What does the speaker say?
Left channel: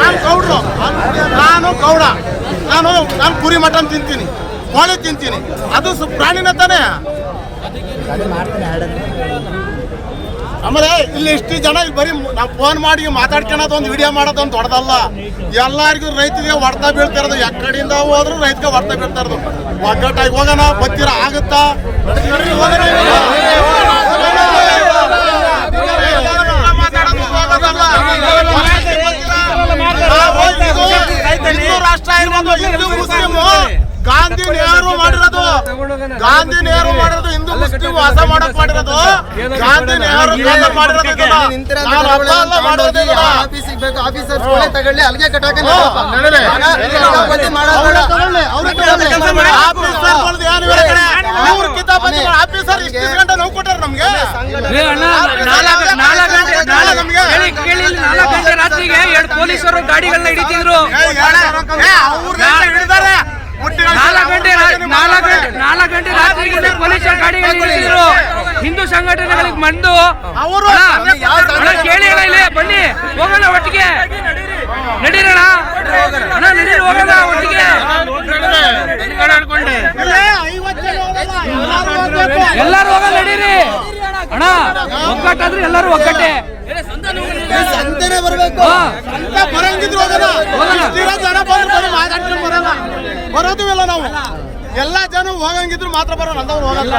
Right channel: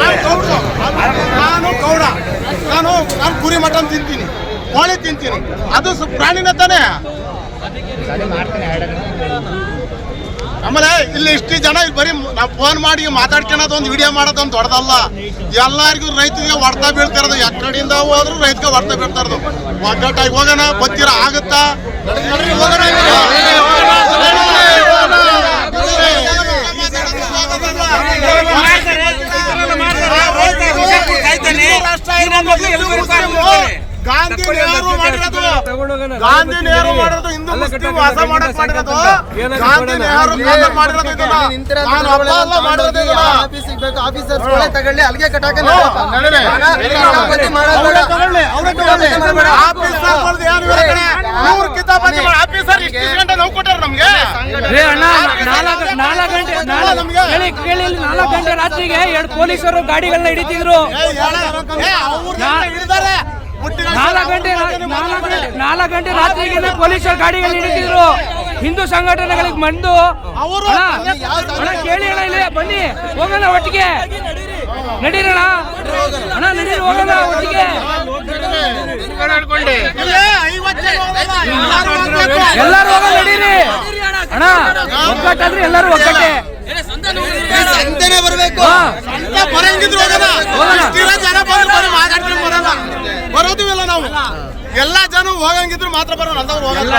ನಾನು ಗೌಡ್ರು, ನಾನು ಗೌಡ, ನಾನು ಕುರಿ ಮಟನ್ ತಿಂತೀನಿ, ಕೋಳಿ ತಿಂತೀನಿ, ಅದು ಪ್ರಾಣಿನ ತಾನೇ. ಆಮೇಲೆ ಇಲ್ಲಿ ಇಷ್ಟು ಜನ ಇಲ್ಲಿ ಬರೀ ನಾವು ಫೋನ್ ಮಾಡಿ ಮಾತಾಡ್ಕೊಳೋದು ಒಂದು ವಿಡಿಯೋ ಮಾಡೋದು ಒಂದು ದೊಡ್ಡದಲ್ಲ. ಎಲ್ಲರಿಗೂ ರೈತರಿಗೆ ಹೊಡ್ತಾ ಬೀಳ್ತಿರೋದು, ಎಕ್ಕಡಿಂದ ಹೋದ್ರು ರೈತಗೆ ಹೊಡ್ತಾ ಬೀಳ್ತಾ ಇರೋದು. ಒಗ್ಗಟ್ಟಾಗಿ ಹೋಗೋಣ, ಬತ್ತೀರ ಆಗುತ್ತಾ? ನಡ್ರಿ ಹೋಗೋಣ. ಹಿಂದೂ ರಾಷ್ಟ್ರ ಇರ್ಬೋದು, ಹಿಂದೂ ಮುಸ್ಲಿಮು. ಗಾಂಧಿ ನೆಹರು ಮಾಡಿರೋದು ಹಿಂದೂ ಮುಸ್ಲಿಂ ವಾಸ ಮಾಡಕ್ ಮಾಡಿರೋದು. ಗಾಂಧಿ ನೆಹರು ಕಾಲದಲ್ಲಿ ಮಾಡಿರೋದು ಇದನ್ನ. ನಾನು ಅಪ್ಪ ಅಲ್ಲ ಮಾಡಿರೋದು ಇದನ್ನ. ತಗೊಳ್ಳಿ ಅಲ್ಲಿಗೆ ಕಟ್ಟಾಕ ಆಫೀಸರ್ ಏನು ಇವರ ಕಡೆ ಇವ್ರು ಕಿತಾಪತಿ ಆಫೀಸರ್ ಇಷ್ಟು ಗಂಟೆ ನೋವು ಕೊಟ್ಟಾರ ನಮ್ಗೆ. 4 ಗಂಟೆ ರಾತ್ರಿಗೆ 2 ಪೊಲೀಸರು ಗಾಡಿಗಳನ್ನ ಹಿಡಿತಿದ್ರು. 4 ಗಂಟೆ ರಾತ್ರಿಗೆ ಪೊಲೀಸರ ಗಾಡಿಗಳನ್ನ ಹಿಡಿತಿದ್ರು. ಹಿಂದೂ ಸಂಘಟನೆಗಳಿಗೆ ಬಂದು ಅವರು ಕೇಳಿ ಇಲ್ಲಿ ಬನ್ನಿ ಹೋಗೋಣ ಒಟ್ಟಿಗೆ, ನಡೀರೋಣ ಅಣ್ಣ, ನಡೀರಿ ಹೋಗೋಣ ಒಟ್ಟಿಗೆ, ಎಲ್ಲರೂ ಹೋಗೋಣ ನಡೀರಿ ಅಣ್ಣ. ಒಗ್ಗಟ್ಟಾದ್ರೆ ಎಲ್ಲರೂ ಒಗ್ಗಟ್ಟೆ, ಸಂತೆನೆ ಬರ್ಬೇಕು. ಬರಂಗಿದ್ರು ಜನ ಬಂದ್ರು ಬರೀ ಮಾತಾಡ್ಕೊಂಡು ಬರಲ್ಲ, ಬರೋದು ಇಲ್ಲ. ನಾವು ಎಲ್ಲಾ ಜನ ಹೋಗಂಗಿದ್ರು ಮಾತ್ರ ಬರೋಣ, ಅಂದವ್ರು ಹೋಗಲ್ಲ.